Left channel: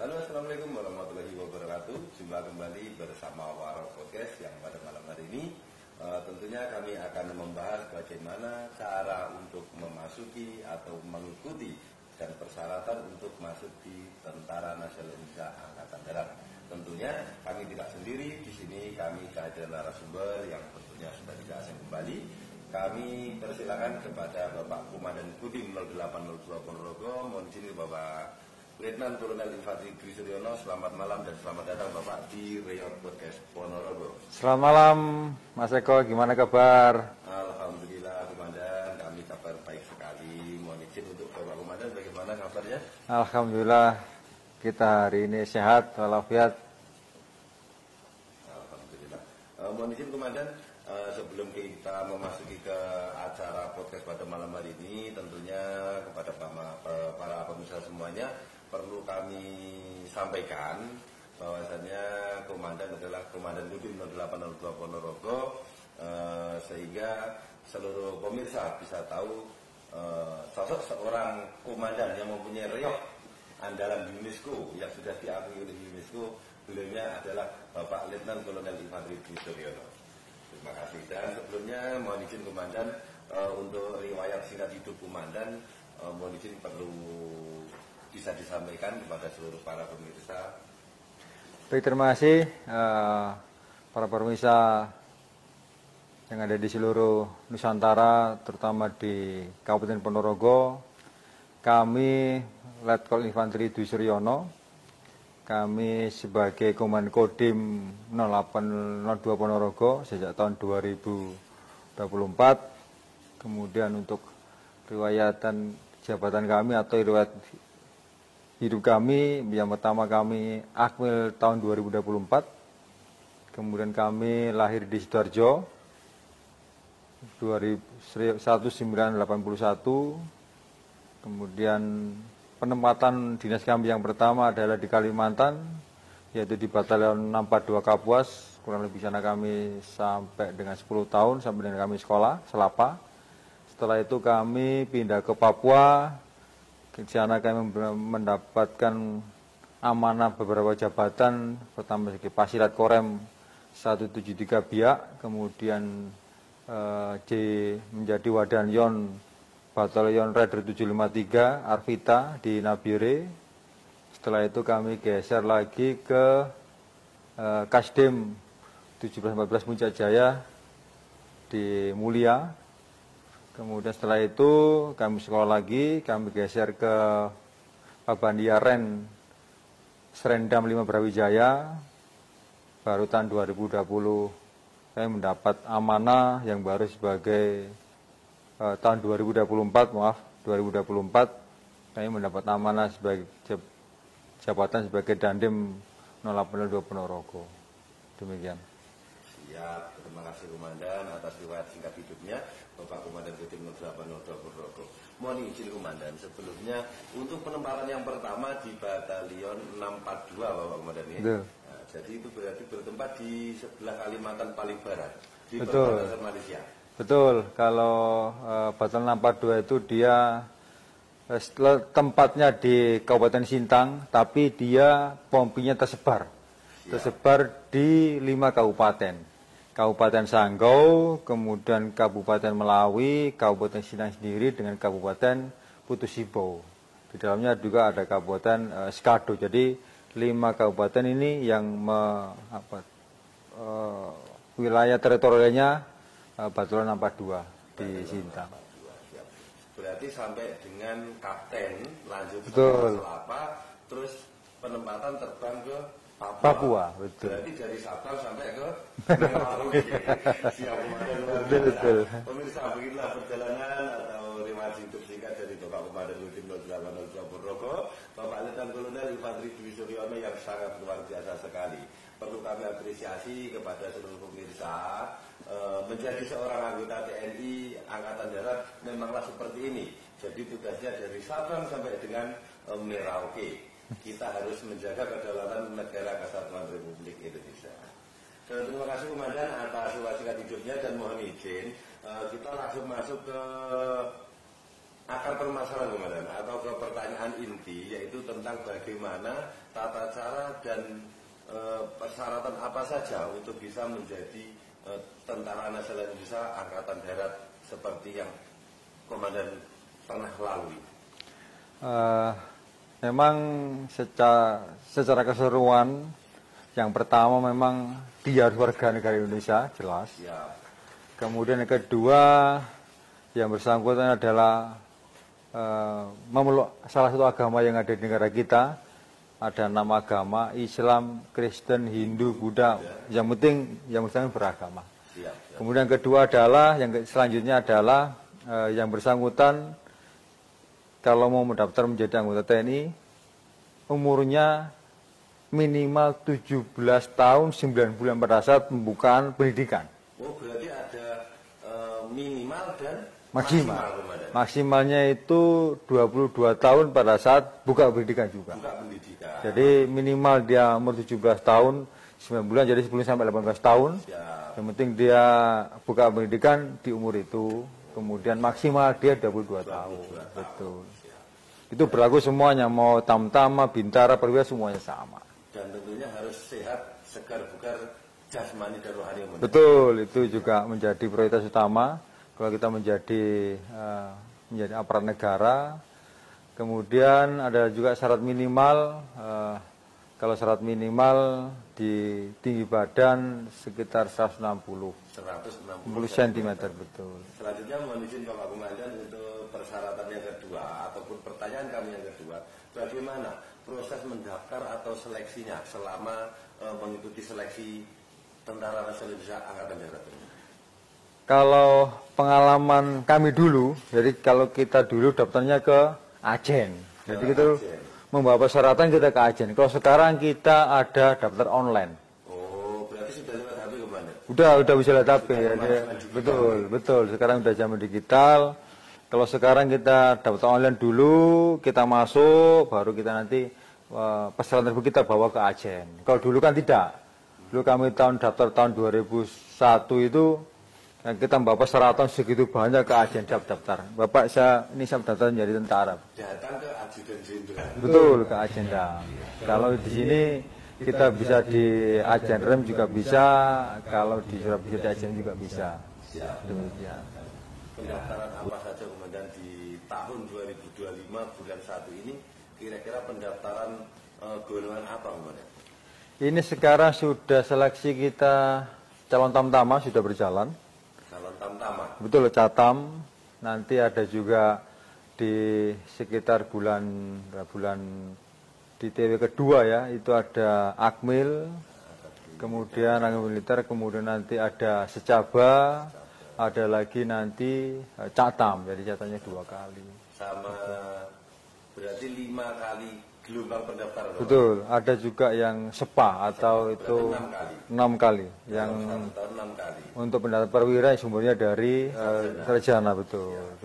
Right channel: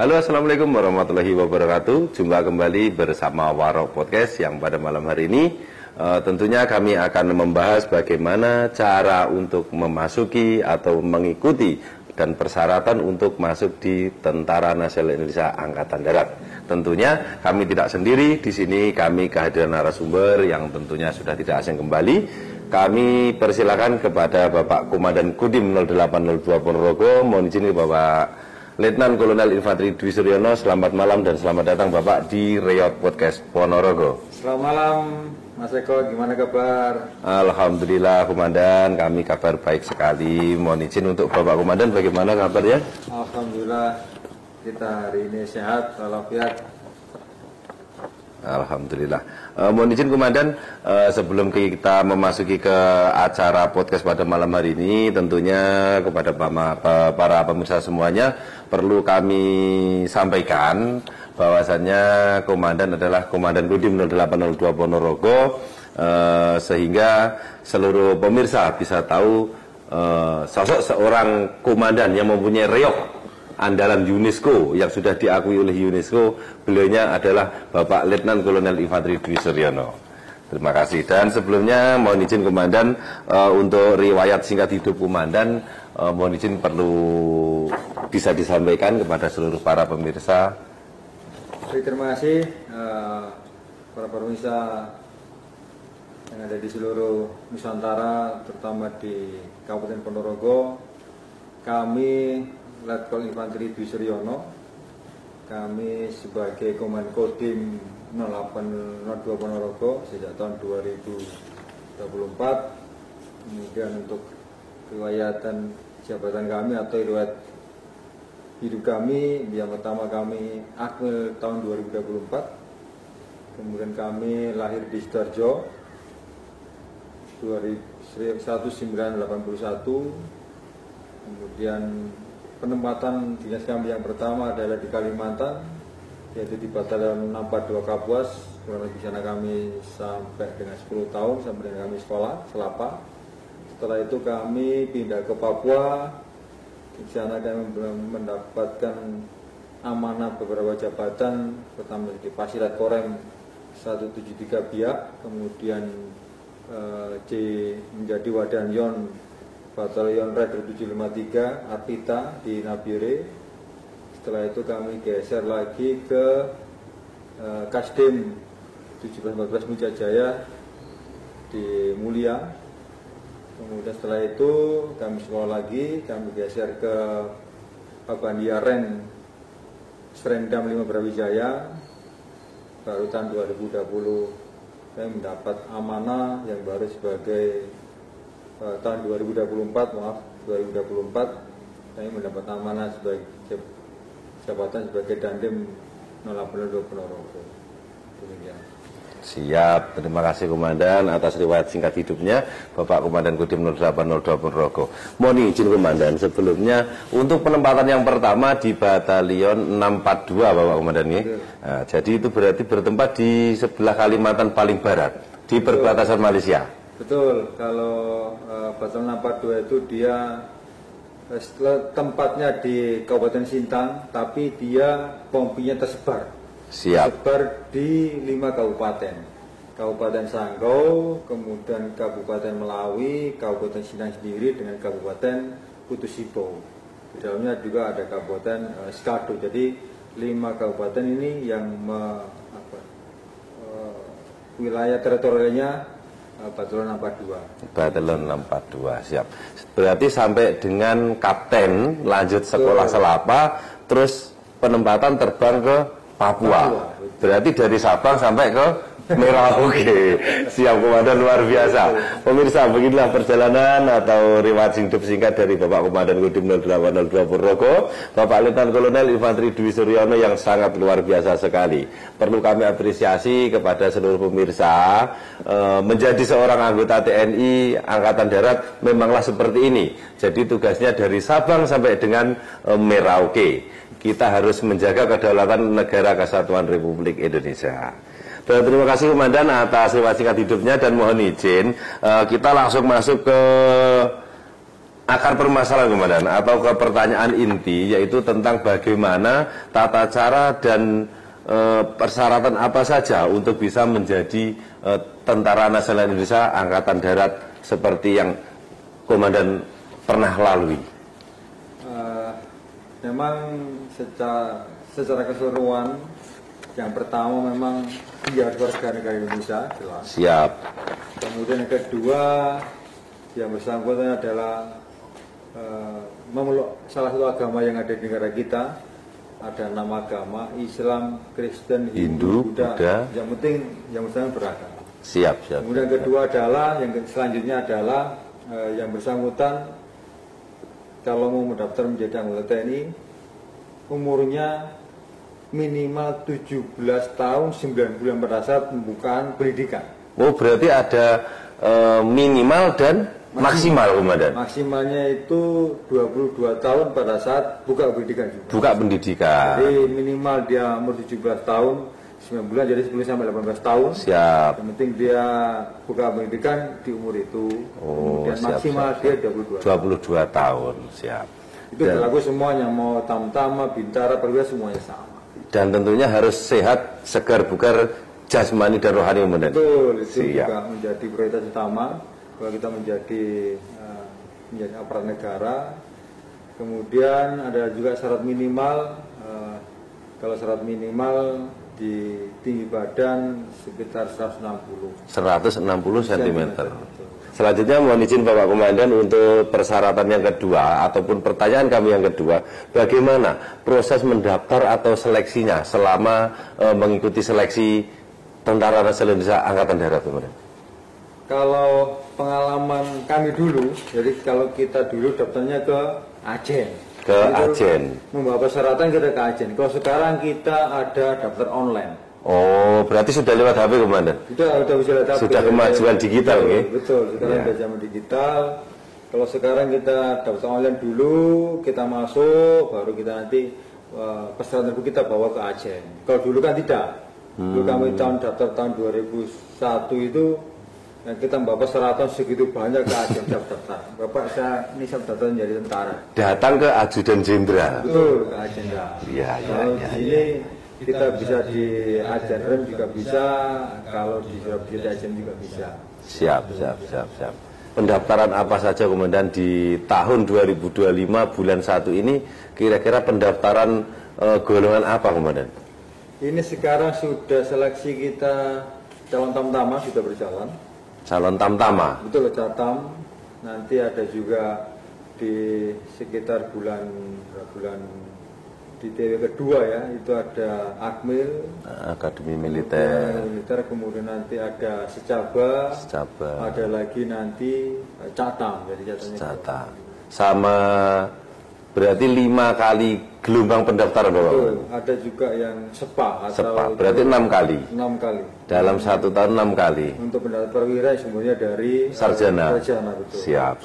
Halo, assalamualaikum warahmatullahi wabarakatuh. Jumpa kembali bersama Warok Podcast yang pada malam hari ini tentunya kami akan membahas bagaimana cara untuk memasuki atau mengikuti dan persyaratan untuk masuk di Tentara Nasional Indonesia Angkatan Darat. Tentunya kami tidak sendiri, di sini kami kehadiran narasumber yang tentunya sudah tidak asing kembali. Kami persilakan kepada Bapak Komandan Kodim 0802 Ponorogo. Mohon izin Bapak Letnan Kolonel Infanteri Dwi Suryono. Selamat malam dan selamat datang Bapak di Riot Podcast Ponorogo. Selamat malam Mas Eko, gimana kabar? Alhamdulillah Komandan, kami kabar baik sekali. Mohon izin untuk Bapak Komandan, bagaimana kabarnya? Alhamdulillah kita hari ini sehat walafiat. Alhamdulillah. Mohon izin Komandan, sebelum kita memasuki ke acara podcast pada malam hari ini, tentunya kepada para pemirsa semuanya perlu kami sampaikan bahwasannya Komandan adalah Komandan Kodim 0802 Ponorogo, sehingga seluruh pemirsa bisa tahu sosok seorang komandan yang mempunyai reok andalan UNESCO yang sudah diakui oleh UNESCO. Beliaunya adalah Bapak Letnan Kolonel Infanteri Dwi Suryono. Terima kasih. Dan sebelumnya mohon izin Komandan, untuk riwayat singkat hidup Komandan, mohon izin perlu bisa disampaikan kepada seluruh para pemirsa. Baik, terima kasih para pemirsa yang ada di seluruh Nusantara, terutama di Kabupaten Ponorogo. Kami Letkol Infanteri Dwi Suryono, kami sebagai Komandan Kodim 0802 Ponorogo sejak tahun 2024. Kemudian untuk riwayatan jabatan kami atau riwayat hidup kami, yang pertama kami akmil tahun 2024. Kemudian kami lahir di Sidoarjo 1981. Kemudian penempatan dinas kami yang pertama adalah di Kalimantan, yaitu di Batalion 642 Kapuas. Kurang lebih sana kami sampai dengan 10 tahun, sampai dengan kami sekolah, Selapa. Setelah itu kami pindah ke Papua. Di sana kami mendapatkan amanah beberapa jabatan, pertama di Pasilat Korem 173 Biak, kemudian menjadi Wadanyon Batalion Raider 753 Arvita di Nabire. Setelah itu kami geser lagi ke Kasdim 1714 Mujajaya di Mulia. Kemudian setelah itu kami sekolah lagi, kami geser ke Pabandiaren Serendam 5 Brawijaya. Baru tahun 2020 saya mendapat amanah yang baru sebagai tahun 2024 saya mendapat amanah sebagai jabatan sebagai Dandim 0802 Ponorogo. Demikian. Siap, terima kasih Komandan atas riwayat singkat hidupnya Bapak Komandan Kodim 0802 Ponorogo. Mohon izin Komandan, sebelumnya untuk penempatan yang pertama di Batalion 642 Bapak Komandan ya. Nah, jadi itu berarti bertempat di sebelah Kalimantan paling barat, di perbatasan Malaysia. Betul, kalau Batalion 642 itu dia tempatnya di Kabupaten Sintang, tapi dia pompinya tersebar. Siap. Tersebar di 5 kabupaten. Kabupaten Sanggau, kemudian Kabupaten Melawi, Kabupaten Sintang sendiri dengan Kabupaten Kutusipo. Di dalamnya juga ada Kabupaten Skado. Jadi 5 kabupaten ini yang wilayah teritorialnya Batalion 642. Batalion 642, siap. Berarti sampai dengan kapten lanjut sekolah Selapa, terus penempatan terbang ke Papua. Berarti dari Sabang sampai ke Merauke. Siap Komandan, luar biasa. Pemirsa, beginilah perjalanan atau riwayat hidup singkat dari Bapak Komandan Kodim 0802 Ponorogo, Bapak Letnan Kolonel Infanteri Dwi Suryono yang sangat luar biasa sekali. Perlu kami apresiasi kepada seluruh pemirsa, menjadi seorang anggota TNI Angkatan Darat memanglah seperti ini. Jadi tugasnya dari Sabang sampai dengan Merauke. Kita harus menjaga kedaulatan Negara Kesatuan Republik Indonesia. Dan terima kasih Komandan atas riwayat singkat hidupnya, dan mohon izin kita langsung masuk ke akar permasalahan Komandan atau ke pertanyaan inti yaitu tentang bagaimana tata cara dan persyaratan apa saja untuk bisa menjadi Tentara Nasional Indonesia Angkatan Darat seperti yang Komandan pernah lalui. Memang secara keseluruhan yang pertama memang dia warga negara Indonesia jelas. Siap. Kemudian yang kedua yang bersangkutan adalah memeluk salah satu agama yang ada di negara kita. Ada 6 agama, Islam, Kristen, Hindu, Buddha. Yang penting yang bersangkutan beragama. Siap. Kemudian yang kedua adalah, yang selanjutnya adalah yang bersangkutan kalau mau mendaftar menjadi anggota TNI umurnya minimal 17 tahun 9 bulan pada saat pembukaan pendidikan. Oh, berarti ada minimal dan maksimal Komandan. Maksimalnya itu 22 tahun pada saat buka pendidikan juga. Buka pendidikan. Jadi minimal dia umur 17 tahun 9 bulan, jadi 10 sampai 18 tahun. Siap. Yang penting dia buka pendidikan di umur itu. Kemudian maksimal dia 22 tahun. Siap. Itu berlaku semuanya, mau tamtama, bintara, perwira semuanya sama. Dan tentunya harus sehat, segar, bugar, jasmani dan rohani Komandan. Betul, itu juga menjadi prioritas utama kalau kita menjadi aparat negara. Kemudian ada juga syarat minimal, kalau syarat minimal di tinggi badan sekitar 160 cm. Selanjutnya mohon izin Bapak Komandan untuk persyaratan yang kedua ataupun pertanyaan kami yang kedua, bagaimana proses mendaftar atau seleksinya selama mengikuti seleksi Tentara Nasional Indonesia Angkatan Darat Komandan? Kalau pengalaman kami dulu, jadi kalau kita dulu daftarnya ke Ajen. Ke Ajen. Membawa persyaratan kita ke Ajen. Kalau sekarang kita ada daftar online. Oh, berarti sudah lewat HP Komandan? Sudah bisa lewat HP. Sudah kemajuan digital, betul. Sekarang sudah zaman digital. Kalau sekarang kita daftar online dulu, kita masuk, baru kita nanti persyaratan kita bawa ke Ajen. Kalau dulu kan tidak. Dulu kami daftar tahun 2001 itu yang kita bawa persyaratan segitu banyak ke Ajen daftar. Bapak ini saya daftar menjadi tentara. Datang ke Ajudan Jenderal. Betul, ke Ajen. Kalau di sini kita bisa di Ajen Rem juga bisa, kalau di Surabaya Ajen juga bisa. Siap. Pendaftaran apa saja Komandan di tahun 2025 bulan 1 ini, kira-kira pendaftaran golongan apa Komandan? Ini sekarang sudah seleksi kita calon tamtama sudah berjalan. Calon tamtama? Betul, catam. Nanti ada juga di sekitar bulan di TW kedua ya, itu ada Akmil, Akademi Militer. Kemudian nanti ada Secaba. Ada lagi nanti Catam, jadi Catam. Sama berarti 5 kali gelombang pendaftaran Bapak? Betul, ada juga yang SEPA atau berarti 6 kali. 6 kali. Dalam 1 tahun 6 kali. Untuk pendaftar perwira semuanya dari sarjana. Betul. Siap.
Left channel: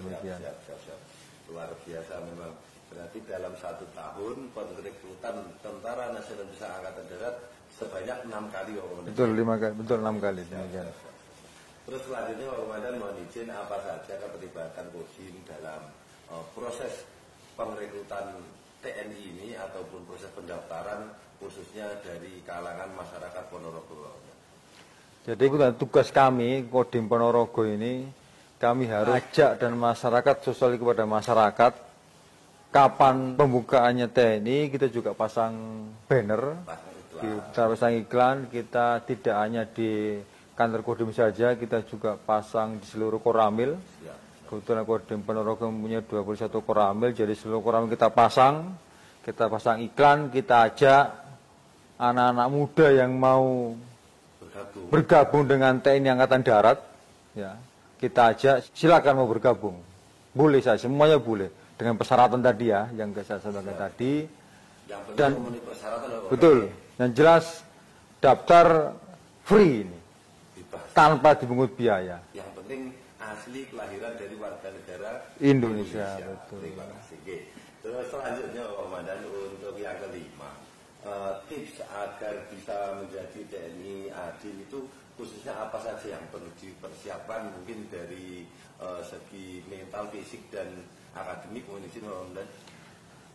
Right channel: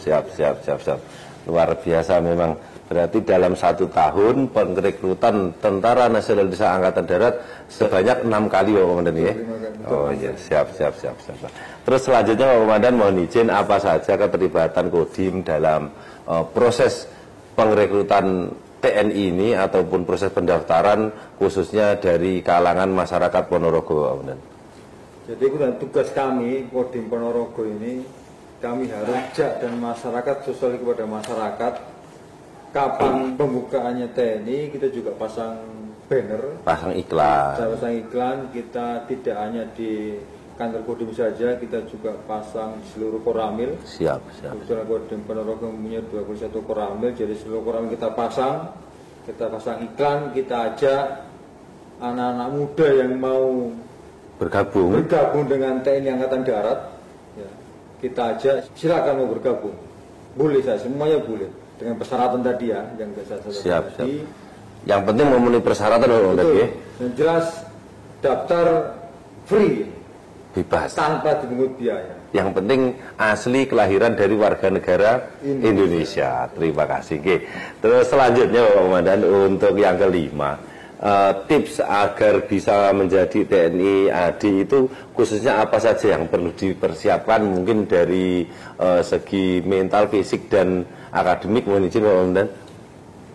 Luar biasa memang. Berarti dalam 1 tahun perekrutan Tentara Nasional Indonesia Angkatan Darat sebanyak 6 kali Bapak Komandan ya? 5 kali. Oh iya, siap. Terus selanjutnya Bapak Komandan mohon izin apa saja keterlibatan Kodim dalam proses pengrekrutan TNI ini ataupun proses pendaftaran khususnya dari kalangan masyarakat Ponorogo Bapak Komandan? Jadi tugas kami Kodim Ponorogo ini, kami harus ajak dan masyarakat sosial kepada masyarakat. Kapan pembukaannya TNI, kita juga pasang banner, pasang iklan. Kita tidak hanya di kantor Kodim saja, kita juga pasang di seluruh koramil. Siap. Kebetulan Kodim Ponorogo mempunyai 21 koramil, jadi seluruh koramil kita pasang iklan, kita ajak anak-anak muda yang mau bergabung dengan TNI Angkatan Darat, ya, kita ajak, silakan mau bergabung, boleh saja, semuanya boleh. Dengan persyaratan tadi ya, yang saya sampaikan tadi. Yang penting memenuhi persyaratan betul. Dan jelas daftar free, bebas, tanpa dipungut biaya. Yang penting asli kelahiran dari warga negara Indonesia. Terima kasih. Terus selanjutnya Bapak Komandan untuk yang kelima, tips agar bisa menjadi TNI AD itu khususnya apa saja yang perlu dipersiapkan mungkin dari segi mental, fisik dan akademik, mohon izin Pak Komandan.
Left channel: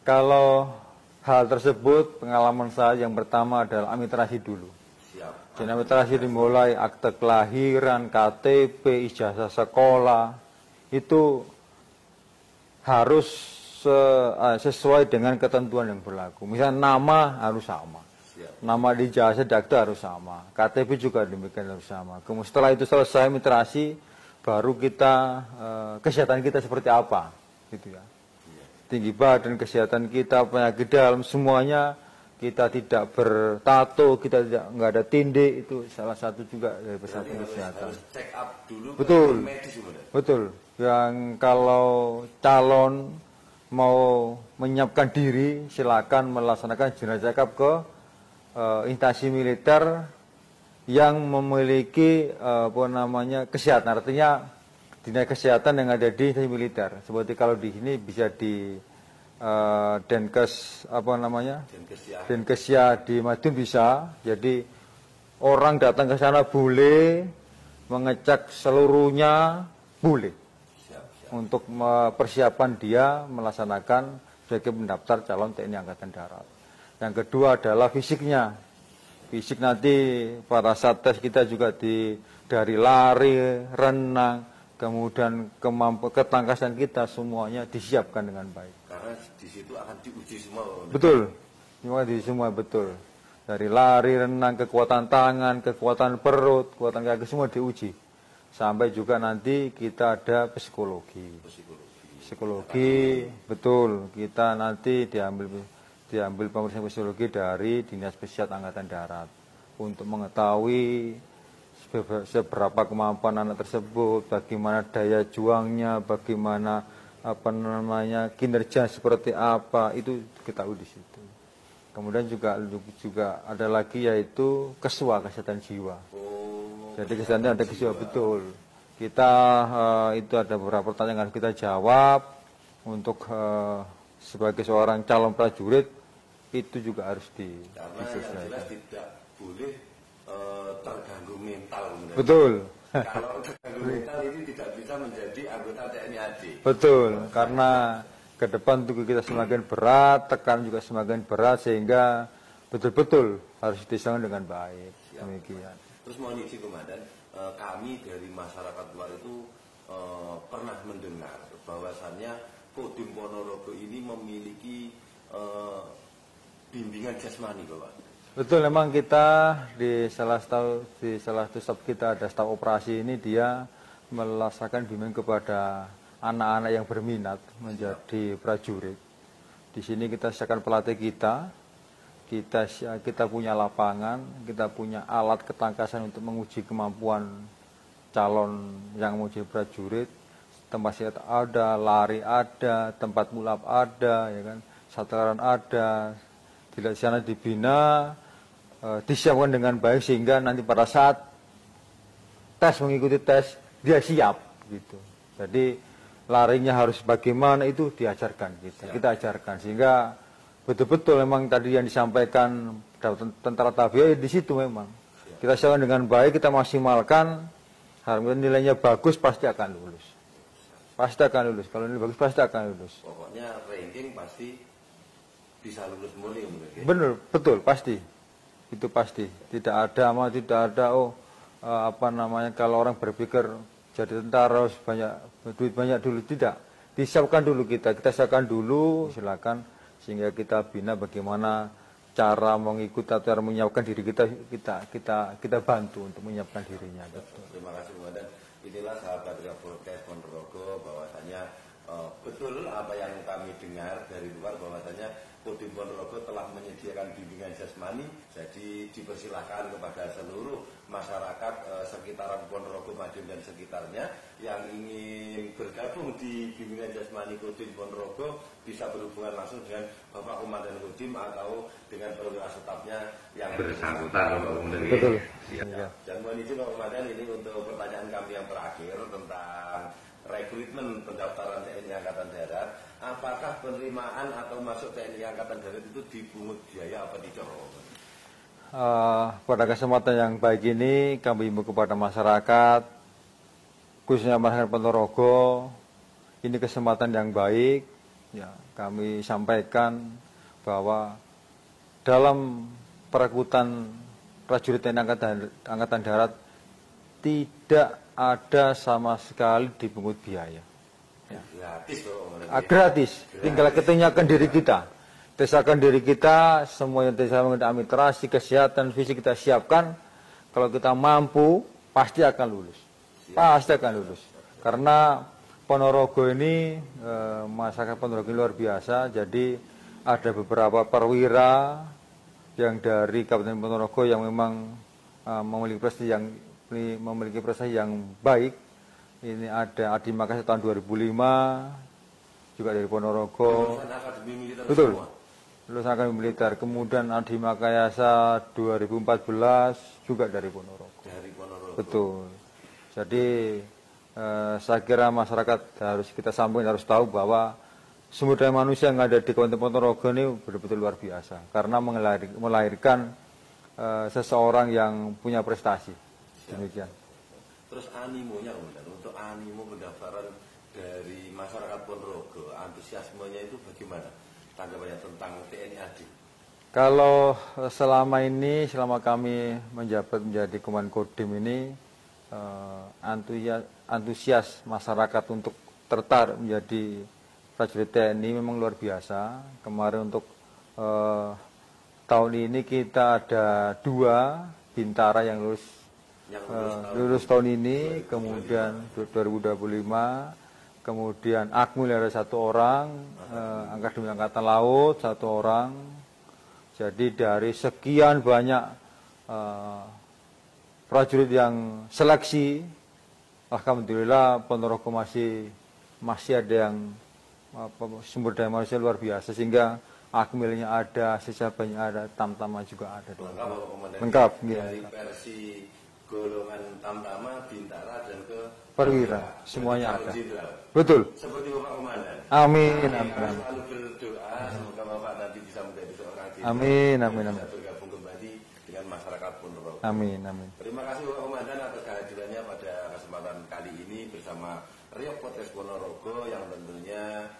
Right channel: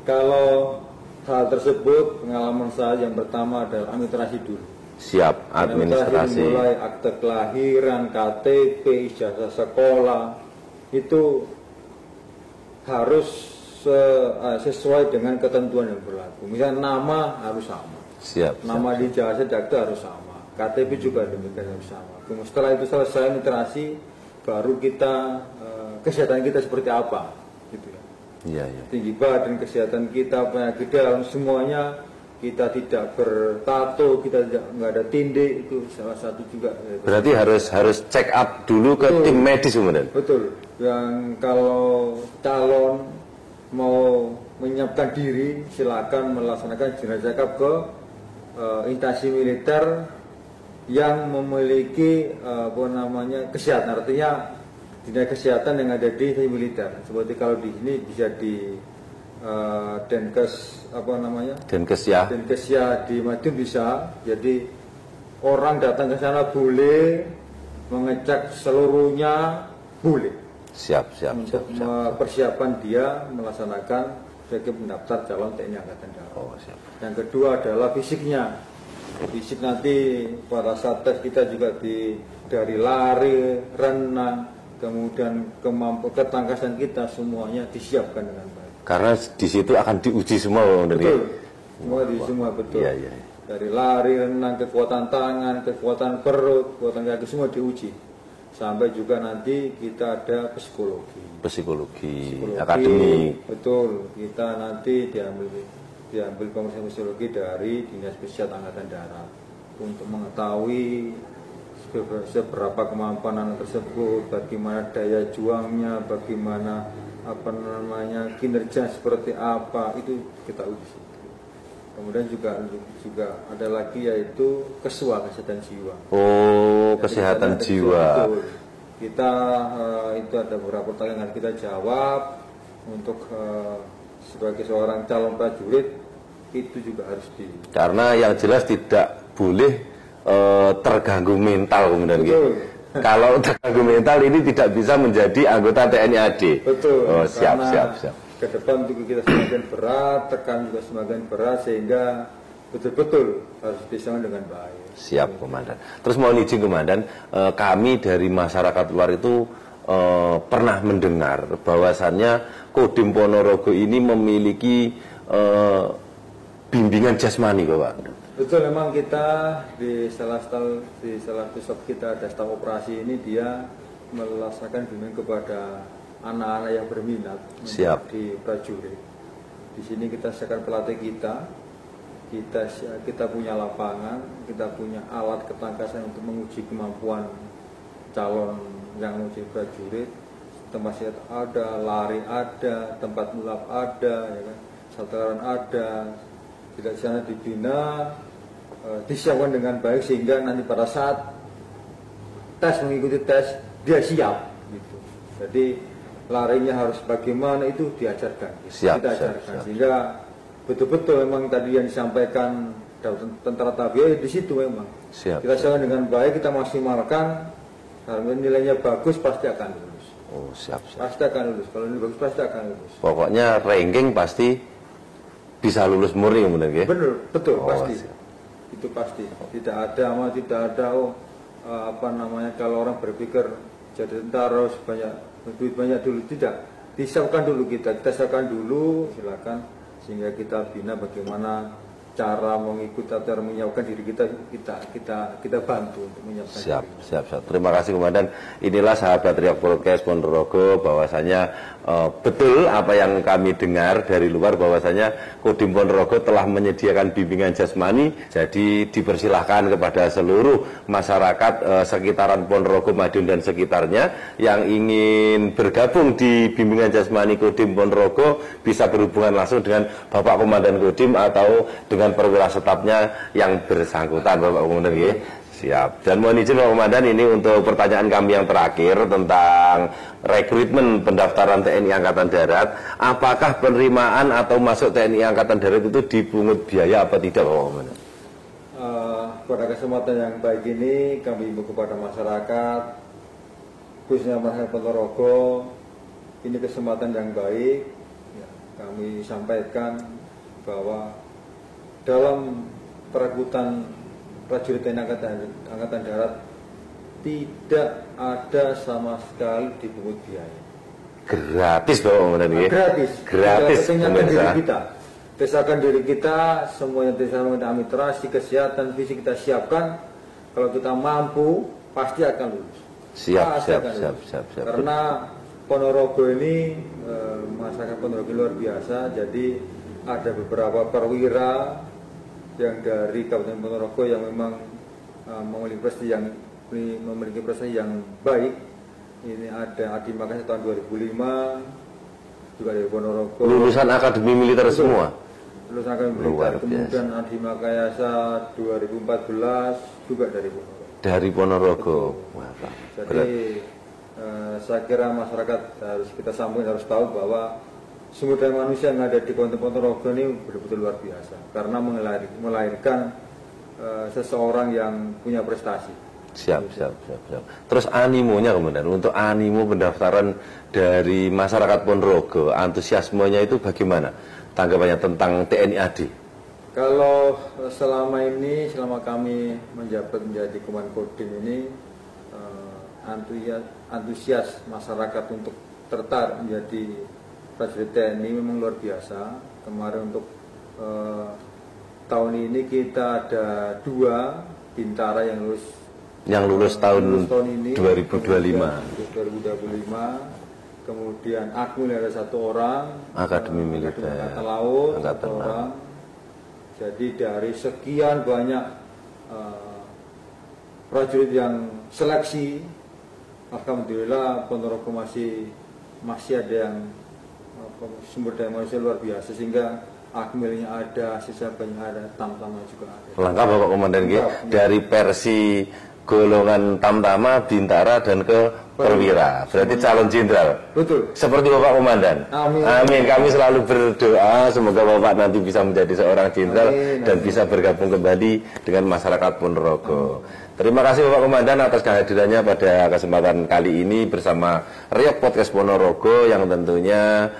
Kalau hal tersebut pengalaman saya yang pertama adalah administrasi dulu. Siap, Administrasi dimulai akte kelahiran, KTP, ijazah sekolah itu harus sesuai dengan ketentuan yang berlaku. Misalnya nama harus sama. Siap. Nama di ijazah akte harus sama. KTP juga demikian harus sama. Kemudian setelah itu selesai administrasi, baru kita kesehatan kita seperti apa, gitu ya. Iya, iya. Tinggi badan, kesehatan kita, penyakit dalam, semuanya kita tidak bertato, kita nggak ada tinde, itu salah satu juga. Berarti harus check up dulu ke tim medis kemudian. Betul. Dan kalau calon mau menyiapkan diri, silakan melaksanakan general check up ke instansi militer yang memiliki kesehatan, artinya dinas kesehatan yang ada di instansi militer. Seperti kalau di sini bisa di Denkes Denkesya di Madiun bisa. Jadi orang datang ke sana boleh, mengecek seluruhnya boleh. Siap. Untuk mempersiapkan dia melaksanakan sebagai pendaftar calon TNI Angkatan Darat. Yang kedua adalah fisiknya. Fisik nanti pada saat tes kita juga dari lari, renang, kemudian ketangkasan kita semuanya disiapkan dengan baik. Karena di situ akan diuji semua. Betul. Semua betul. Iya. Dari lari, renang, kekuatan tangan, kekuatan perut, kekuatan kaki semua diuji. Sampai juga nanti kita ada psikologi akademik. Betul. Kita nanti diambil pemeriksaan psikologi dari Dinas Kesehatan Angkatan Darat untuk mengetahui seberapa kemampuan anak tersebut, bagaimana daya juangnya, bagaimana kinerja seperti apa, itu kita uji. Kemudian juga ada lagi yaitu kesehatan jiwa. Oh, kesehatan jiwa. Kita itu ada beberapa pertanyaan yang kita jawab untuk sebagai seorang calon prajurit, itu juga harus karena yang jelas tidak boleh terganggu mental kemudian. Betul. Kalau terganggu mental ini tidak bisa menjadi anggota TNI AD. Betul. Oh, siap. Ke depan tubuh kita semakin berat, tekan juga semakin berat, sehingga betul-betul harus disambung dengan baik. Siap, Komandan. Terus mohon izin Komandan, kami dari masyarakat luar itu pernah mendengar bahwasannya Kodim Ponorogo ini memiliki bimbingan jasmani, Bapak. Betul, memang kita di salah satu staf kita ada staf operasi ini, dia melaksanakan bimbingan kepada anak-anak yang berminat di prajurit. Di sini kita siapkan pelatih kita punya lapangan, kita punya alat ketangkasan untuk menguji kemampuan calon yang mau jadi prajurit. Tempat silat ada, lari ada, tempat mulap ada, ya kan, sataran ada. Di sana dibina, disiapkan dengan baik sehingga nanti pada saat mengikuti tes dia siap gitu. Jadi larinya harus bagaimana itu diajarkan gitu. Kita ajarkan sehingga betul-betul memang tadi yang disampaikan tentara tabio di situ memang. Kita siapkan dengan baik, kita maksimalkan, nilainya bagus pasti akan lulus. Oh, siap. Pasti akan lulus. Kalau ini bagus pasti akan lulus. Pokoknya ranking pasti bisa lulus murni kemudian ya? Benar, betul, pasti. Siap. Itu pasti. Tidak ada kalau orang berpikir jadi tentara harus duit banyak dulu, tidak. Disiapkan dulu kita siapkan dulu, silakan, sehingga kita bina bagaimana cara mengikuti, cara menyiapkan diri kita bantu untuk menyiapkan dirinya. Siap. Terima kasih Komandan. Inilah sahabat Riak Podcast Ponorogo, bahwasanya betul apa yang kami dengar dari luar, bahwasanya Kodim Ponorogo telah menyediakan bimbingan jasmani. Jadi dipersilahkan kepada seluruh masyarakat sekitaran Ponorogo, Madiun dan sekitarnya yang ingin bergabung di bimbingan jasmani Kodim Ponorogo bisa berhubungan langsung dengan Bapak Komandan Kodim atau dengan perwira setapnya yang bersangkutan, Bapak Komandan. Siap. Dan mohon izin Pak Komandan, ini untuk pertanyaan kami yang terakhir tentang rekrutmen pendaftaran TNI Angkatan Darat. Apakah penerimaan atau masuk TNI Angkatan Darat itu dipungut biaya apa tidak Pak Komandan? Pada kesempatan yang baik ini kami himbau kepada masyarakat, khususnya masyarakat Ponorogo, ini kesempatan yang baik. Ya, kami sampaikan bahwa dalam perekrutan prajurit TNI Angkatan Darat tidak ada sama sekali dipungut biaya. Gratis Pak Komandan. Gratis. Gratis. Kita ketenyakan diri kita. Desakan diri kita, semuanya desakan administrasi, kesehatan, fisik kita siapkan. Kalau kita mampu, pasti akan lulus. Siap. Karena Ponorogo ini, masyarakat Ponorogo luar biasa. Jadi ada beberapa perwira yang dari Kabupaten Ponorogo yang memang memiliki prestasi yang baik. Ini ada Adi Makayasa tahun 2005, juga dari Ponorogo. Lulusan Akademi Militer semua. Lulusan Akademi Militer, kemudian Adi Makayasa 2014 juga dari Ponorogo. Dari Ponorogo. Jadi saya kira masyarakat kita sampaikan harus tahu bahwa sumber daya manusia yang ada di Kabupaten Ponorogo ini betul-betul luar biasa karena melahirkan seseorang yang punya prestasi. Siap. Terus animonya Komandan, untuk animo pendaftaran dari masyarakat Ponorogo, antusiasmenya itu bagaimana? Tanggapannya tentang TNI AD? Kalau selama kami menjabat menjadi Komandan Kodim ini, antusias masyarakat untuk tertarik menjadi prajurit TNI memang luar biasa. Kemarin untuk tahun ini kita ada 2 bintara yang lulus tahun ini 2025. Kemudian Akmil ada 1 orang, Akademi Militer Angkatan Laut 1 orang. Jadi dari sekian banyak prajurit yang seleksi, alhamdulillah Ponorogo masih ada yang sumber daya manusia luar biasa, sehingga Akmilnya ada, sisa banyak ada, Tamtama juga ada. Lengkap Bapak Komandan, dari versi golongan Tamtama, Bintara dan ke Perwira. Berarti semuanya calon jenderal. Betul. Seperti Bapak Komandan. Amin. Amin. Kami selalu berdoa semoga Bapak nanti bisa menjadi seorang jenderal dan bisa bergabung kembali dengan masyarakat Ponorogo. Terima kasih Bapak Komandan atas kehadirannya pada kesempatan kali ini bersama Riok Podcast Ponorogo, yang tentunya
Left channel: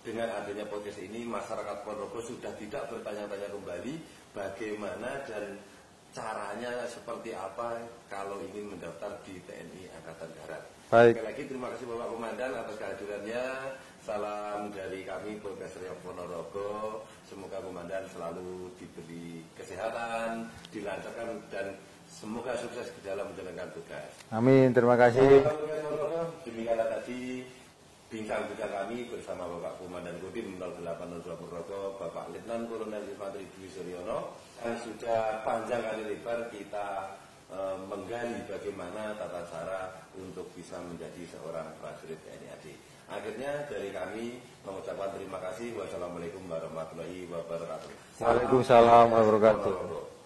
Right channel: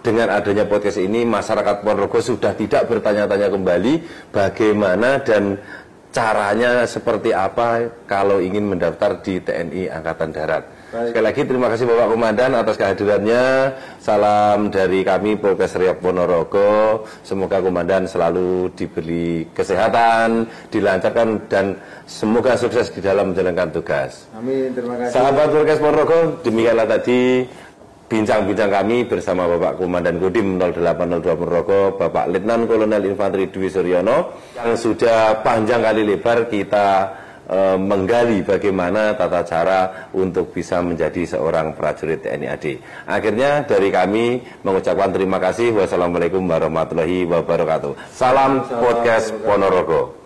dengan adanya podcast ini masyarakat Ponorogo sudah tidak bertanya-tanya kembali bagaimana dan caranya seperti apa kalau ingin mendaftar di TNI Angkatan Darat. Baik. Sekali lagi terima kasih Bapak Komandan atas kehadirannya. Salam dari kami Polres Riok Ponorogo. Semoga Komandan selalu diberi kesehatan, dilancarkan dan semoga sukses di dalam menjalankan tugas. Amin, terima kasih. Sahabat Polres Ponorogo, demikianlah tadi bincang-bincang kami bersama Bapak Komandan Kodim 0802 Ponorogo, Bapak Letnan Kolonel Infanteri Dwi Suryono, yang sudah panjang kali lebar kita menggali bagaimana tata cara untuk bisa menjadi seorang prajurit TNI AD. Akhirnya dari kami mengucapkan terima kasih. Wassalamualaikum warahmatullahi wabarakatuh. Salam Podcast Ponorogo.